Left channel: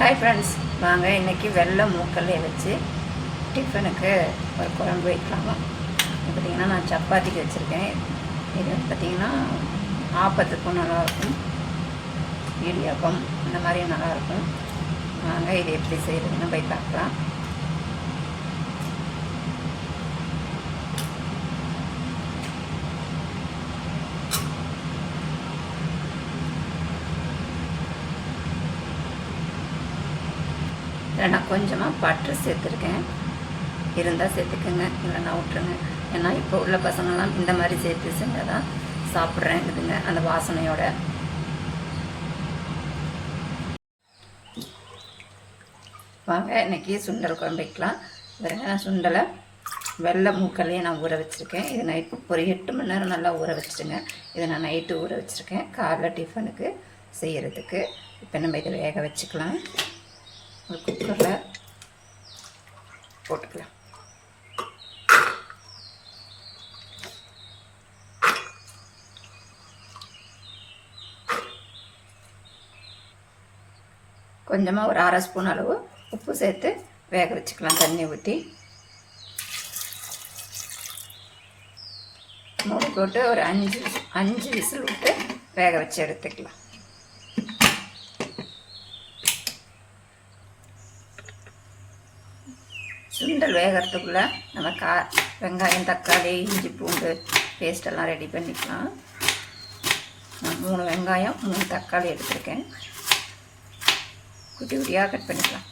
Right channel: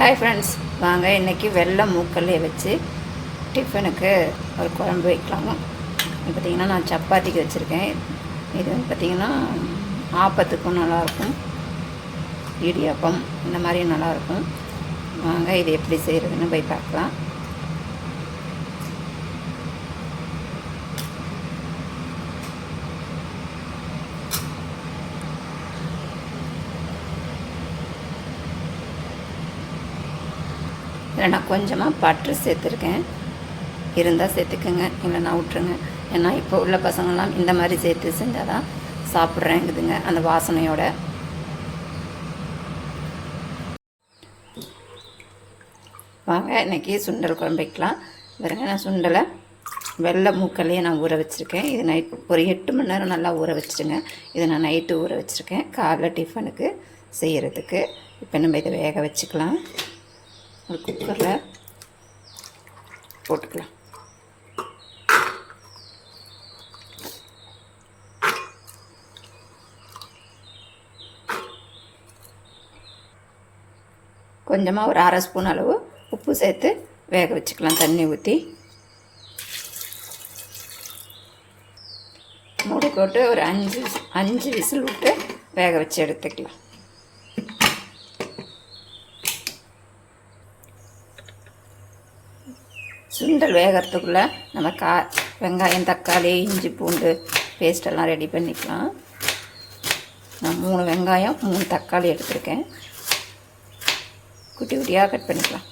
Hi friends வாங்க இன்றைக்கி வெள்ளை மூக்கல்லையை வச்சு டிஃபனுக்கு ஒரு குழம்பு வைக்கலாமா இது பார்த்திங்கன்னா நான் சப்பாத்திக்கு வச்சுருக்கேன். இது வந்து பார்த்திங்கன்னா ஆப்பத்துக்கும் நல்லாயிருக்கும். இடியாப்பம் இந்த மாதிரியும் நல்லாயிருக்கும். வாங்க இது எப்படி செய்கிறதுன்னு போய் பார்க்கலாம். இதில் நான் கொஞ்சமாக பட்டர் சேர்த்துருக்கேன். இருந்தால் சேர்த்துக்கோங்க இல்லைன்னா விட்ருங்க ஏன்னா இப்போ உள்ள பசங்களாம் இந்த மாதிரி சேர்த்து செஞ்சால் தான் சாப்பிட்றேங்குதுங்க அந்த வாசனையோட. வாங்க இன்றைக்கி சுண்டல் குழம்பு வைக்கலாம். பாருங்க நான் சுண்டலை வெள்ளை மூக்கல்லையே நான் ஊற வச்சுருக்கேன். இது நைட் ஒரு எட்டு மணி நேரம் நல்லா ஊற வச்சுருங்க இதை நான் நைட்டு ஊற வச்சுருக்கேன். காலைல டிஃபனுக்கு செய்கிறதுக்கு இப்போ நம்ம இதை வேக வச்சுக்கலாம். ஒரு குக்கரில் போட்டுக்கலாம். கொஞ்சமாக ஒரு அரை ஸ்பூன் அளவு உப்பு சேர்த்து வேக வச்சுக்கலாம் தண்ணி ஊற்றி மூடி போட்டு ஒரு அஞ்சு அஞ்சு விசில் விட்டு வேக வச்சு எடுத்துக்கலாம் சுண்டல் வேகிறதுக்குள்ளே நம்ம கா வெங்காயம் தக்காளி இஞ்சி பூண்டு பேஸ்டெல்லாம் ரெடி பண்ணிக்கலாம். நான் மூணு வெங்காயம் மூணு தக்காளி எடுத்திருக்கேன். குட்டி குட்டியாக கட் பண்ணிக்கலாம்.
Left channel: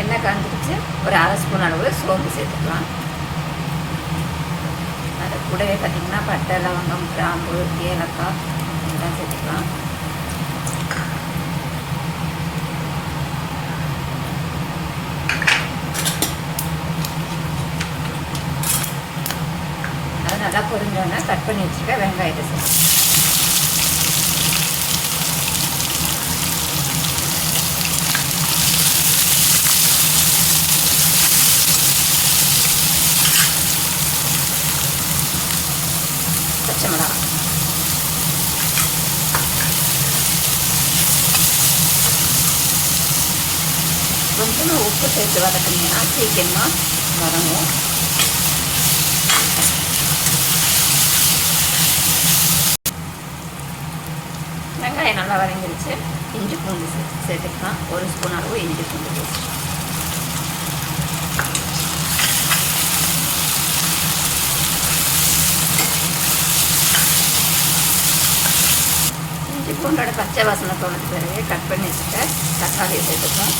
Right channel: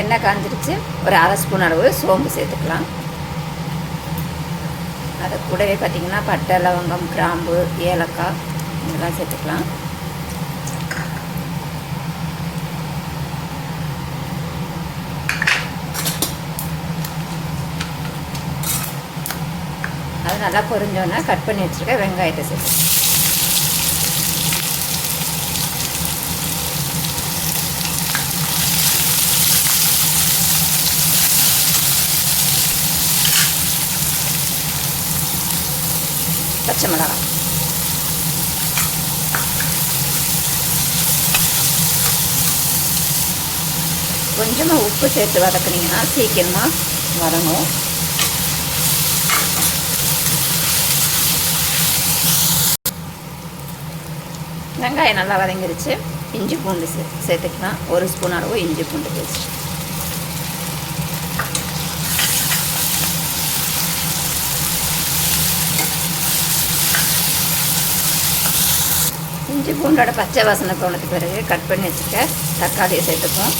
எண்ணெய் காஞ்சிருச்சு. ஒரு அரை ஸ்பூன் அளவு சோம்பு சேர்த்துக்கலாம். அது கூடவே பார்த்திங்கன்னா பட்டை லவங்கம் கிராம்பு ஏலக்காய் இதெல்லாம் சேர்த்துக்கலாம். அது நல்லா பொரிஞ்சோன்னே கட் பண்ணி வச்சுருக்க வெங்காயத்தை சேர்த்துக்கலாம். பச்சை மிளகாய் கொஞ்சமாக உப்பு சேர்த்து வதக்குனீங்கன்னா சீக்கிரமாக வரணும் வெங்காயம் நல்லா வதங்கிருச்சு. இஞ்சி பூண்டு சே சேர்த்துக்கலாம். ஒரு ஸ்பூன் அளவு இஞ்சி பூண்டு பேஸ்ட். இஞ்சி பூண்டோட பச்சை வாசனை போனது பிறகு கட் பண்ணி வச்சுக்க தக்காளியை சேர்த்துப்போம்.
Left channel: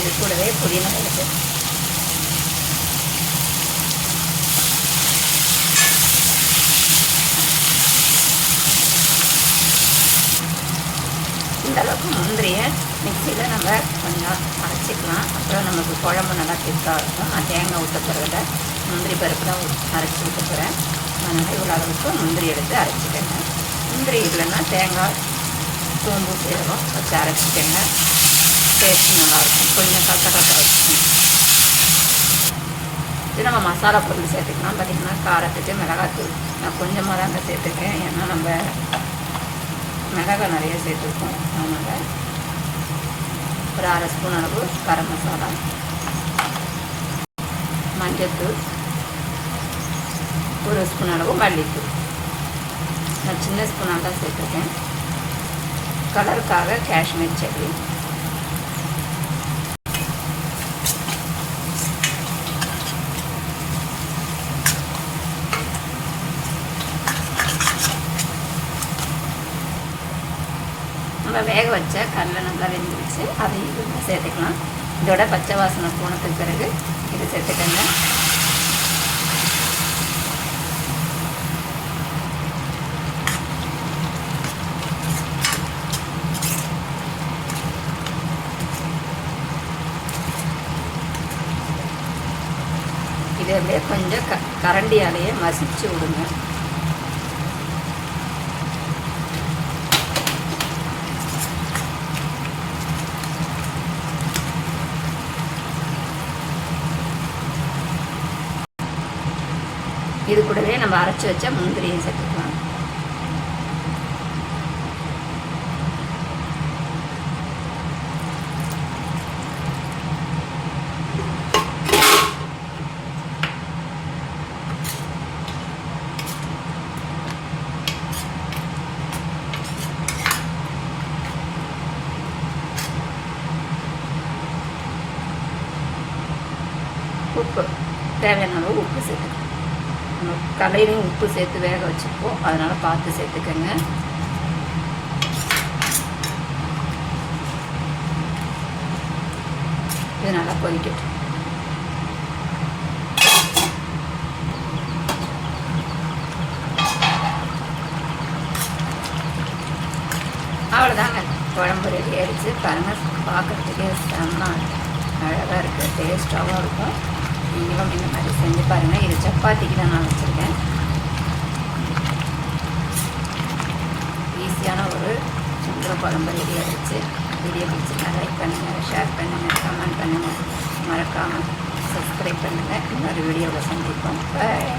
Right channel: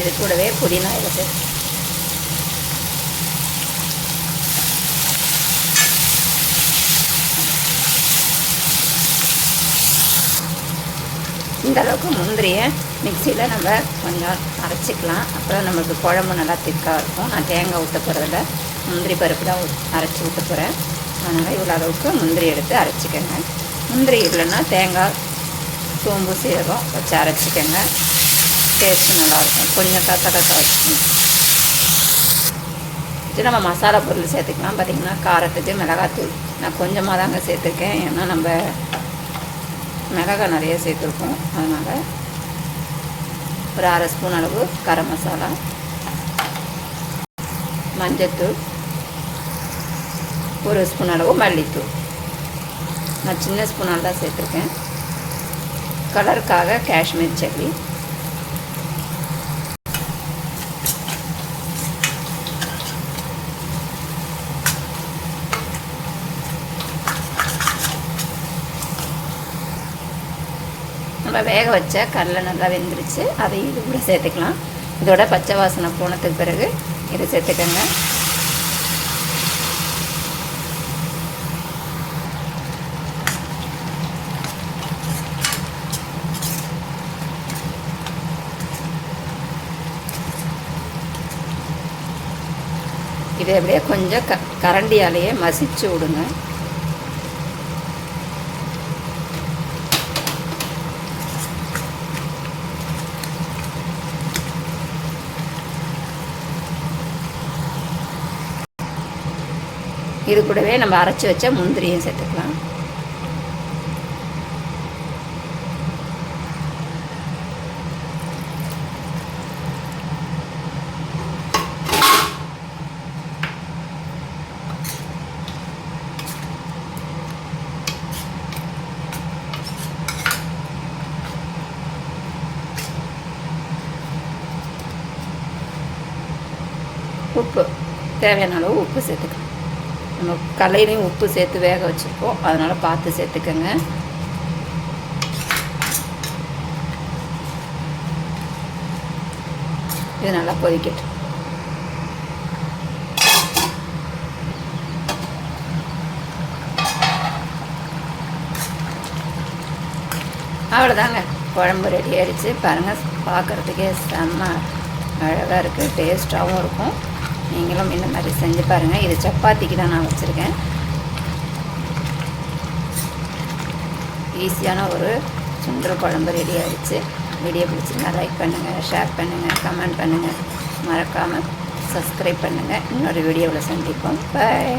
இது கூடவே புதினா இருக்குது இந்த அளவுக்கு முந்திரியை மிக்சியில் நம்ம கொஞ்சம் அரைச்சிக்கலாம். அப்புறம் நமக்கு குழம்பு நல்லா திக்காக இருக்கும். நான் தேங்காய் ஊற்ற போகிறத முந்திரி பருப்பு தான் அரைச்சி ஊற்ற போகிறேன் அதனால் இவ்வளோ அளவுக்கு முந்திரி எடுத்து அரைச்சிக்கோங்க. முந்திரி இல்லைன்னா தேங்காய் சோம்பு சீரகம் வச்சு அரைச்சிக்கோங்க. டேஸ்ட்டு நல்லாயிருக்கும் கொஞ்சம் கத்த கத்த வச்சுக்கணும் இது நம்ம மசாலா பொருள் சேர்த்துக்கலாம். பார்த்திங்கன்னா காரத்துக்கு மிளகாத்தூள் நான் கொஞ்சமாக தாங்க சேர்த்துருக்கேன். ஏன்னா நம்ம மிளகாய் நிறைய சேர்த்துருக்கோம். அதனால் ஒரு அரை ஸ்பூன் அளவு கரம் மசாலா மஞ்சத்தூள் ஒரு ஸ்பூன் அளவு மல்லித்தூள். நான் சின்ன ஸ்பூனால் தான் சேர்த்துருக்கேன். கலருக்காக காஷ்மீர் சில்லி நம்ம வேக வச்ச கடலை நல்லா வெந்துருச்சு. அதையும் இதில் சேர்த்துக்கலாம். இதோட பச்சை வாசனை போனதுக்கு பிறகு இதை சேர்த்துக்கோங்க. இதை அப்படியே கொஞ்சம் க கரண்டியாலேயே மசிச்சு விடுங்க. இது கூடவே நம்ம அரைச்சி வச்ச முந்திரியும் சேர்த்துக்கலாம். உப்பு. தேவையான அளவு உப்பு சேர்த்துக்கலாம். கலையிலையும் உப்பு சேர்த்து வேக வச்சுருக்கோம். அதனால் பார்த்து சேர்த்துக்கோங்க. இது நல்லா கொதிக்கட்டும். அவ்வளோதாங்க குழம்பு ரெடி ஆயிடுச்சு. பாருங்கள் பார்க்குறதுக்கே செம்ம அழகாக இருக்குது டேஸ்ட்டாகவும் இருக்கும். நீங்களும் இந்த மாதிரி செஞ்சு பாருங்கள் இது சப்பாத்திக்கு தான் நான் வச்சுருக்கேன். ஈஸியான ஒரு சுந்தர குழம்பு ரெடி ஆகிடுச்சு வீடியோ பிடிச்சிருந்தா லைக் பண்ணுங்கள் ஷேர் பண்ணுங்கள் கமெண்ட் பண்ணுங்கள் மறக்காமல் சப்ஸ்கிரைப் பண்ணுங்கள் இன்னொரு வீடியோவில் சந்திப்போம். பாய்